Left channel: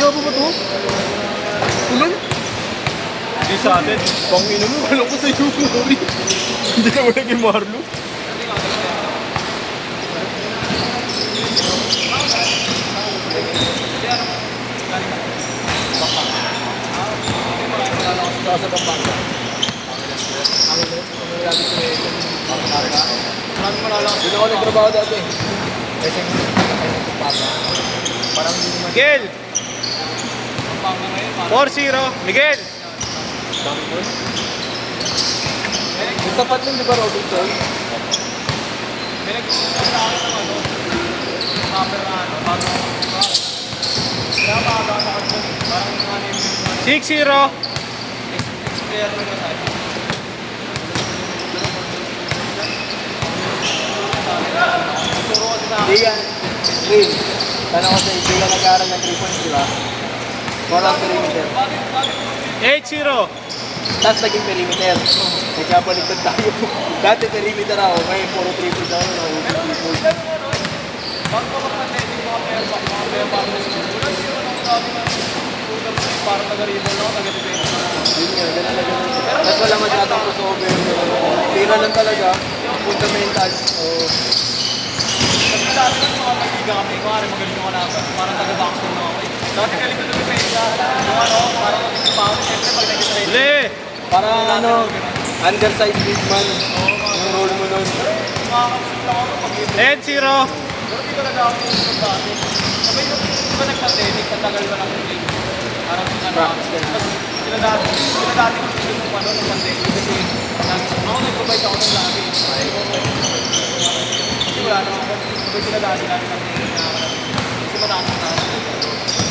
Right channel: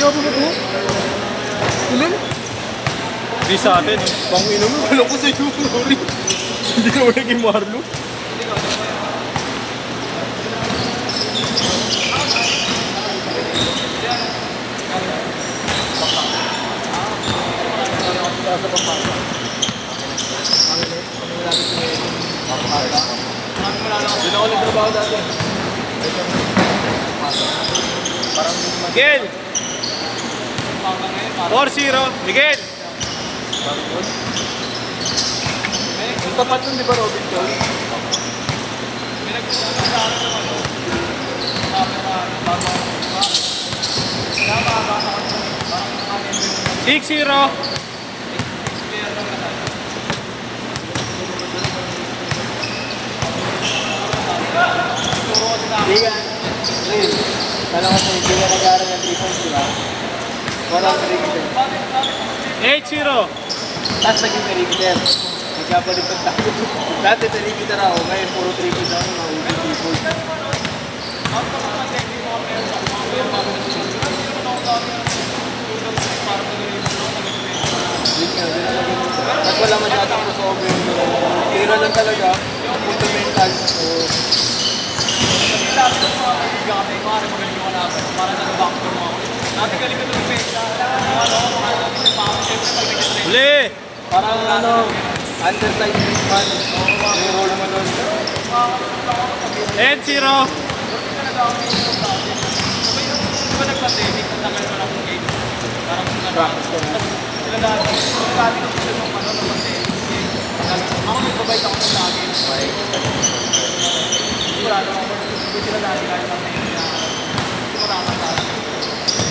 Yabo ba ito? Kulong? Hindi sa atin. Pangino mo, wala ko sa'yo. Hindi ka mo naging Marlo. Hindi ako nagtrabaho dati. Miguel! 4-0. Miguel! Yung tapat nun, di ba, Robin Tol? 6-0. Hindi ka. Will, tanong ko sa'yo, hindi ka nag-aaral ng 3 points, di ba? Walang perimeter. 8-0. Tapos naging perimeter. Nagkapaligtad tayo. Dati perimeter ako, ngayon puro 3 points ako, nakaulit 3 points. Yun nga, ganun na ganun. Tapos wala masyadong crossover. Tira lang talaga. Fundamental. Lee! Parang ano, undersized big man. Yung role mo nun. 8-0. Practice ka na.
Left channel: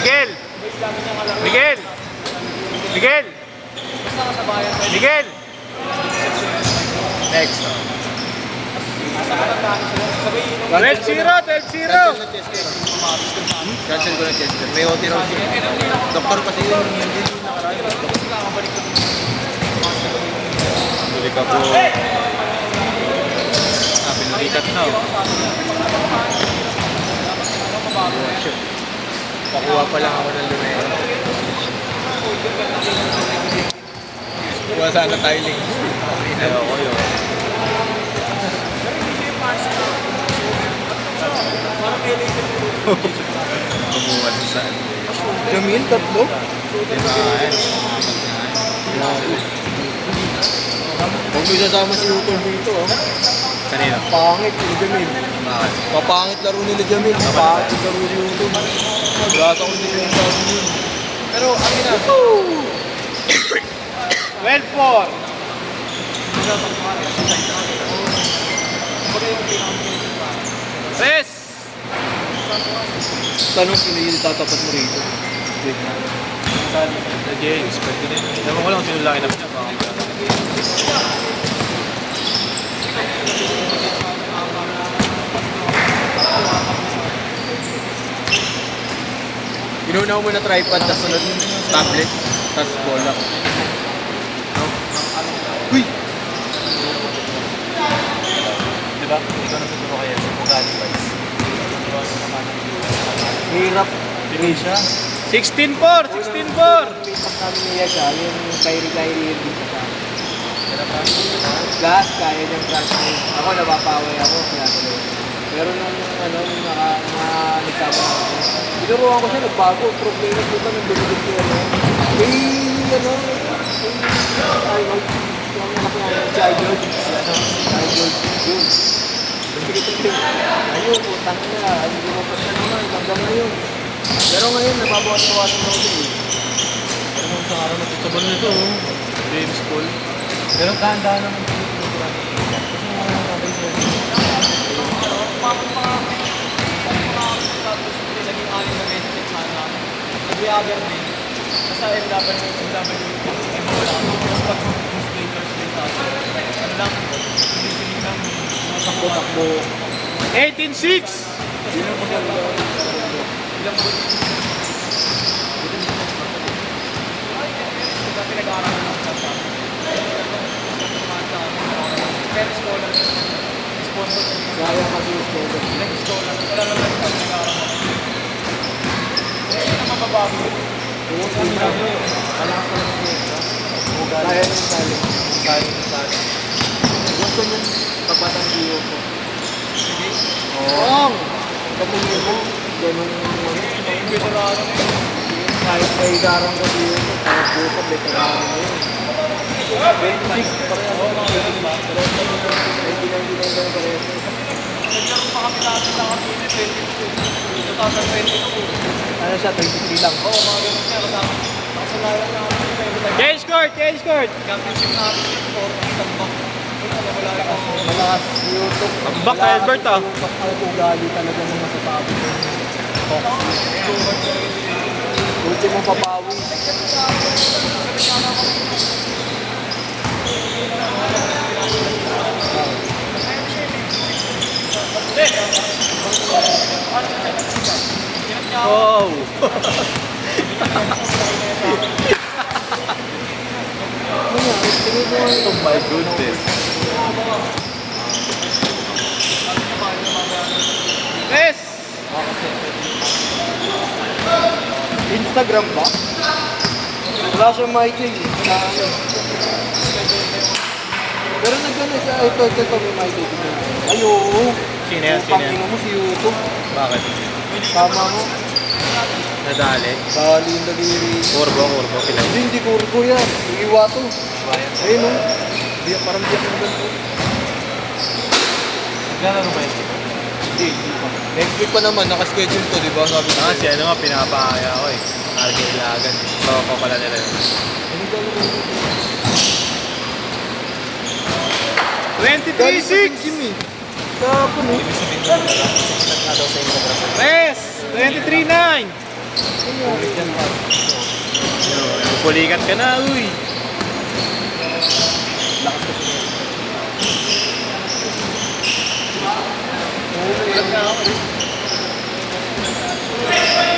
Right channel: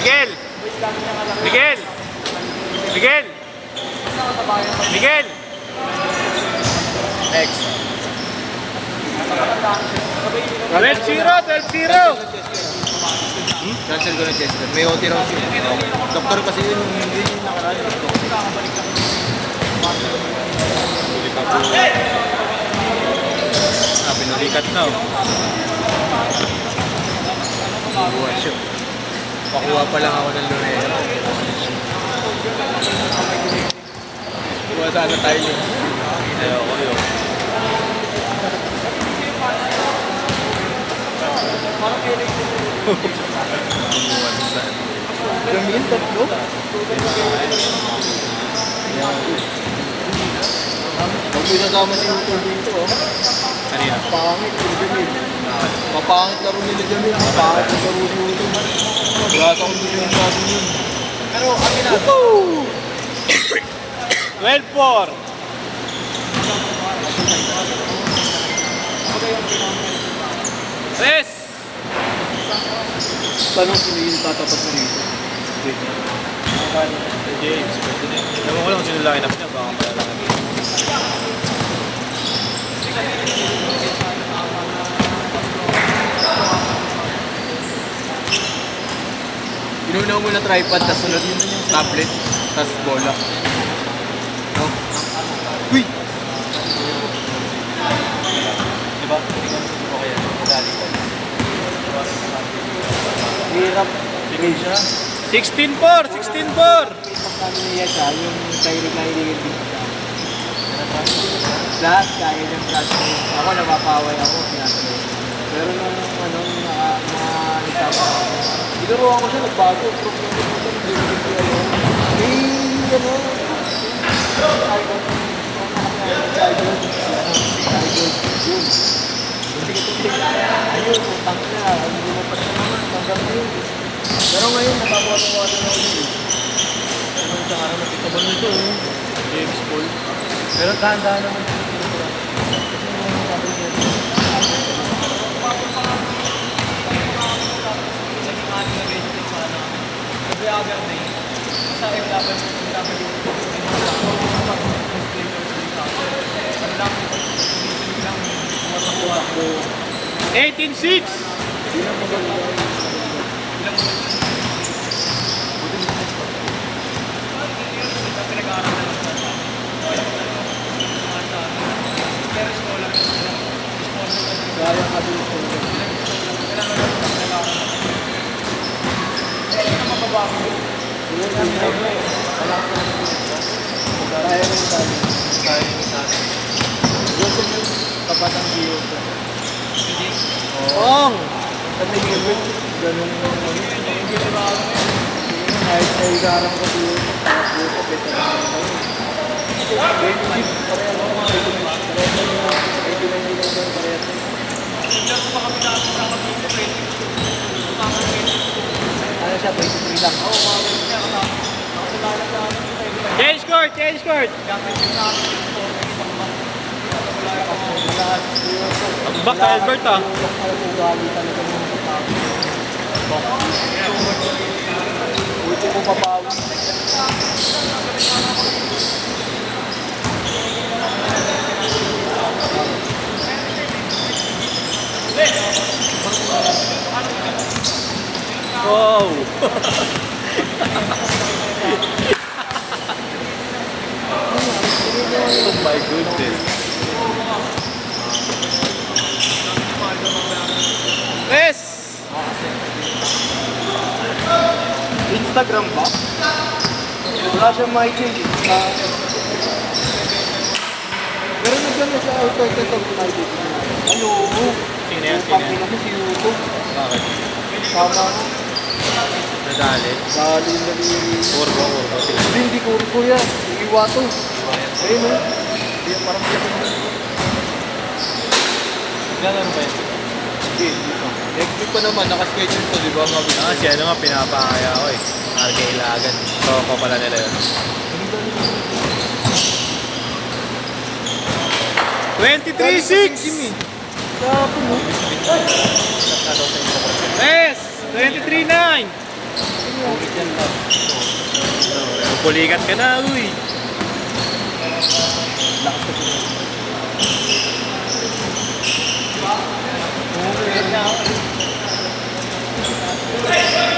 Miguel! Miguel! Miguel! Miguel! X. 12-0. 12-0. Cancel ko na Chester. May OT raw siya. Doktor kasi yun, hindi yung nakaraan. Bili ka po. Pinulikat na. Pakuha siya. Pakuha pa lang ako ng lumero. Kuha sana tayo link. Jamil, tatlo? Huwag mo isasama si Utor dito, oh. Kanina. Pangit si Jamil. Mapangit laro nila Jamil. Mapangit laro ni Utor. Wala sa kundi yung bago yun. Pero, aminado. 12-4. Yes! Tanong sila yung tatapos na rito. The James. Ewan ko lang sino line up niya. Baka Inuna mo muna tripod, tapos sunod tablet, tapos bola. No? Uy! diba? Hirap. Siya. 16-4. 16-4. Pag namin niya siya, yung Kyrie yung dito siya. Lahat, kaya niyang flash me. Ako, napapaway ako, pinatuloy. Pero nung ano, nagkama ako. Binuruan ko siya, nagbago. Problema ko sa nagbibinig ko ngayon. Ano, Child yun. Ayun, utang na. Hindi mo pa siya naman, tanggal mo yun. Pero ngayon, nababawas-bawas na yun. Anong sa araw nakita mo nito? James Paul. Pero kanda naman. Takbo. 18-6. Kaya batang Gio po. Oo. Kasi yun, ganun hindi mo na ako kahit may garang ko Gio po, kaya po ko, beto na ngayon. 26, pareho ako, 99 daw pareho. Ano siya, 23 lang. Change court! Change court! Back kay Albert ah. Buti mong papawi. Wow! Oh my goodness. Yes! Instagram ba? Wala siyang ma-change. Pero nagdala sa ito may ayoko. Sino yan? Sino yan? Pagkino mo si YouTube. Bakit? Tama mo. Nadali. Dali yung nag-i-rate. Urbo sila. Hindi kurko yan. Nag-iwato. Ayun mo. Parang di ako doon. Gano'n ba yun? Hindi. Next week pa naman. Nakaschedule to, di ba? Ah, si ano nga, pinapakaya ko eh. RK Ilagan. Toko pala nila yun. 23-6! Yes! 23-9! Pulikat ka na, uy!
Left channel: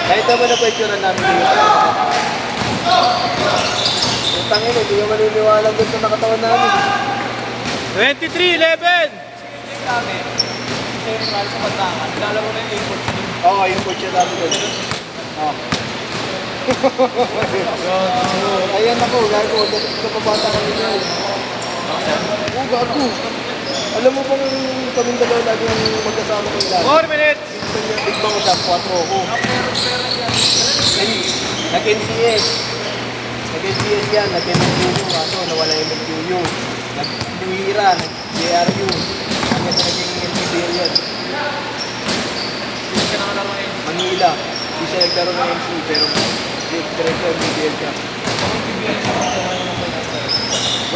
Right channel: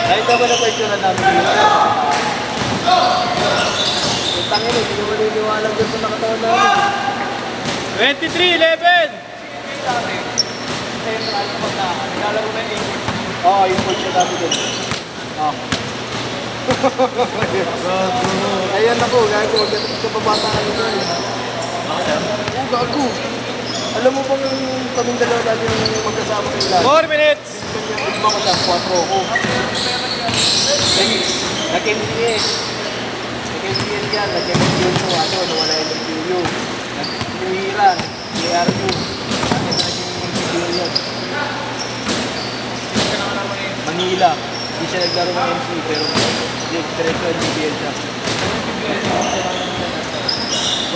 Kahit naman na pwede namin yung tangin, hindi yung maniniwala doon sa nakatawan namin. 23-11! Oo, yung picture namin doon. Oo. Ayan ako, gago. Kapabata kami doon. Oo, gago. Alam mo bang kaming dalawa lagi yung magkasama kayo lagi? 4 minutes! Yung ibang sa 4 ako. Nag-NCS. Nag-NCS yan. Nag-NCS mo. Ako, nawala yung MPU. Nag-Luira. JRU. Hanggang sa naging MPBL yan. Manila. Hindi siya naglaro ng MC pero diretso MPBL siya.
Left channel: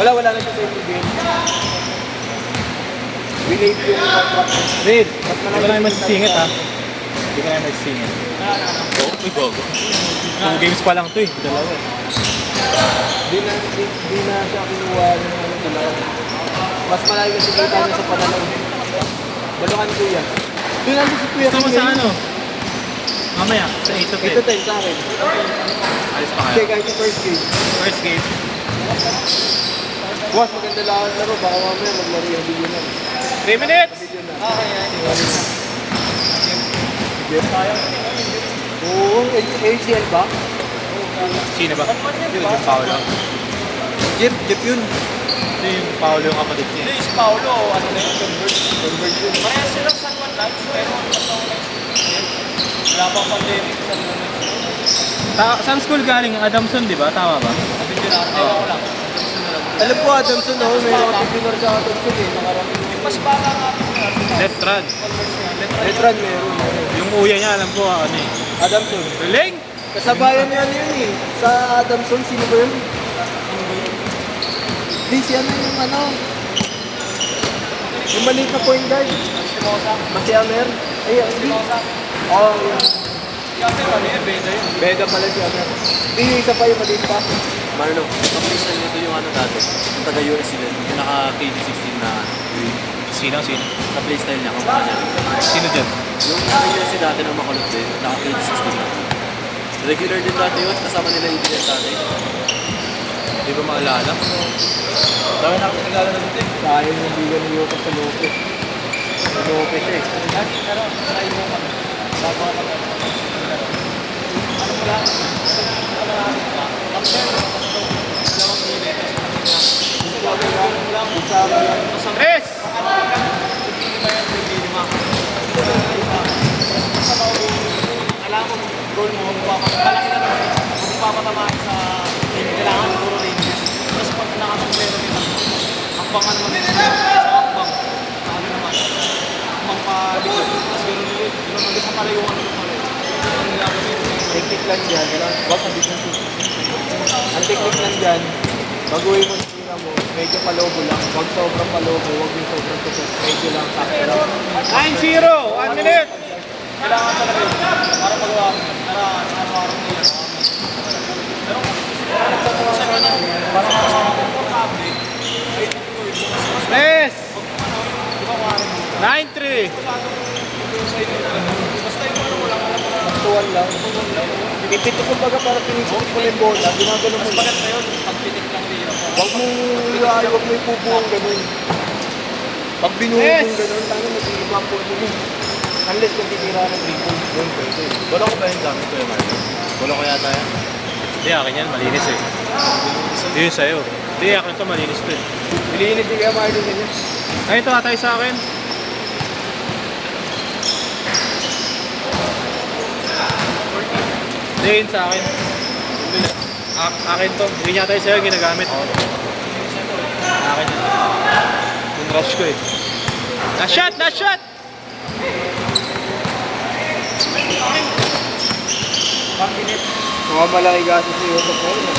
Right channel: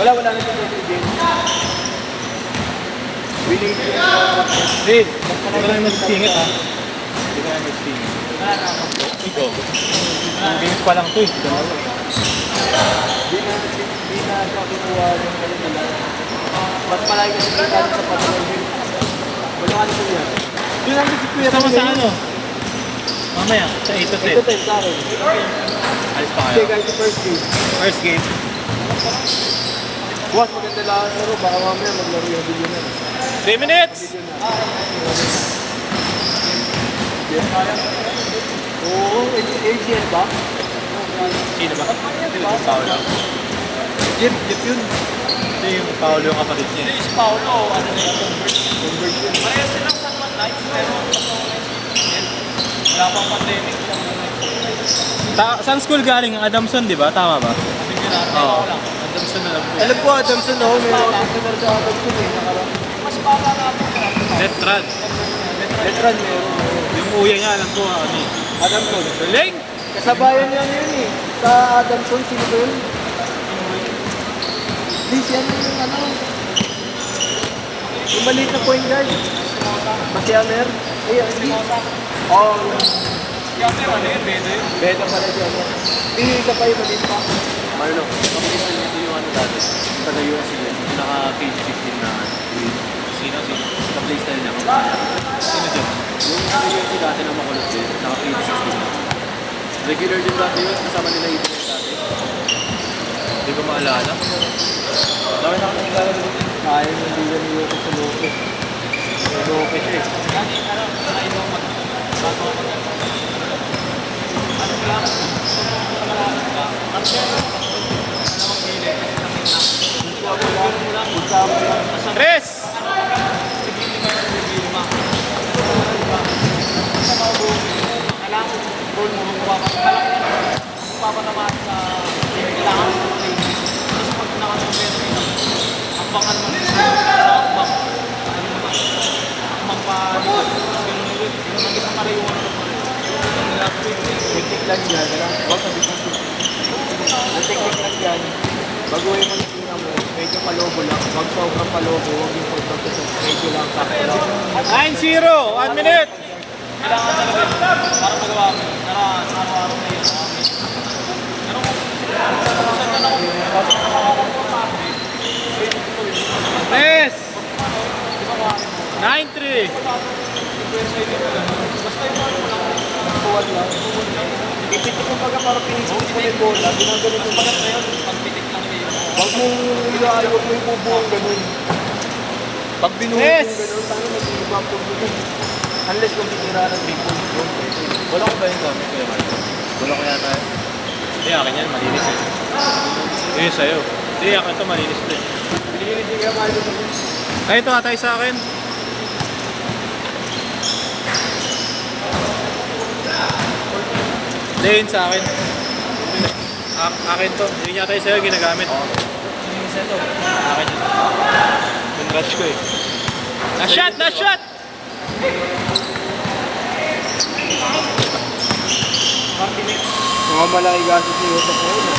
Wala na siya sa MPBL. Winate yun. Red, hindi ka lang masisingit ha. Hindi ka lang masisingit. Ito. Ang games pa lang to eh. Dalawa. Di na siya kinuha ng pala. Mas malaki kasi kita niya sa panalawin. Balukan ko yan. Yung nandun si Kuya Kasama sa ano? Mamaya, sa 8 to 10. Ito time sa akin. Alis pa Okay, kayo. kahit yung first game. First game. Bukas maganda lang ang laro. Baka mamaya maglaro yung video na. 3 minutes! Video na. Oo, ACL ba? Sino ba? Hindi na yung Paolo. Jeep yun. Hindi yung Paolo yung kapatid niya. Si Paolo, ano na yun, Convert yun. parehas silang San Juan Lights, pero wala pang pandemic sa Saan school galing? Adamson, di ba? Tama ba? Ewan ko lang. Alam ko Adamson ako. May mga titular sa Adamson eh. Nakarang. Letran. Veteran meron. Yung uya niya, alam ko ano eh. Adamson. Galing! Kasabayan niya yun eh. Sa Adamson, sino ba yun? Di siya yung ano. Yung maliit na point guard. Makiamer. Ay, hindi. Oo, yun. Bega pala siya. Di, isa pa yung maliit pa. Marlo, mabilis na nito yung ano dati. Yung taga-US sila, yung naka-KG16 na Sino? pa-play style niya. Sino dyan? Yung taga-US dati na makalot din, naka-KG16 na. Regular din dati yun, kasama nila yung dati. Hindi ko maalala. Dami na kilala na dito. Kaya yung bigan ni Yoko sa Lopez. Sa Lopez eh. Tres! technique lang dyan, wag na business. Ang technique lang dyan, baguhin mo yung tina mo, medyo palobo lang. Wag sobrang palobo, wag yung sobrang tusok. Medyo lang, sakto lang. 9-0, 1 minute! Kailangan talaga yun. Para magawa ko. Para araw-araw na yun. Pero kung Yes! 9-3! Tuwan lang. Ito kumbaga para pinisip mo yung bola, ginagano mo. Wag mo huwag mo ipubuong ganun. Pag binuhog yung ganun, tanong nag-iiba po yun. Unless kung titira ng 3 points doon. Wala ko ba yung gamit ko yun? Wala ko yata. Hindi, akin yan, malinis eh. Hindi, sa'yo. Hindi, akin to malinis to eh. Pilinis yung gamay doon. Ay, ito atay sa akin. Hindi, yun sa akin. Akin to. Hindi niya tayo sa'yo ginagamit. Akin yun. Yung rush ko eh. Last shot! Last shot! Mga malaki gaso sa YouTube ngayon.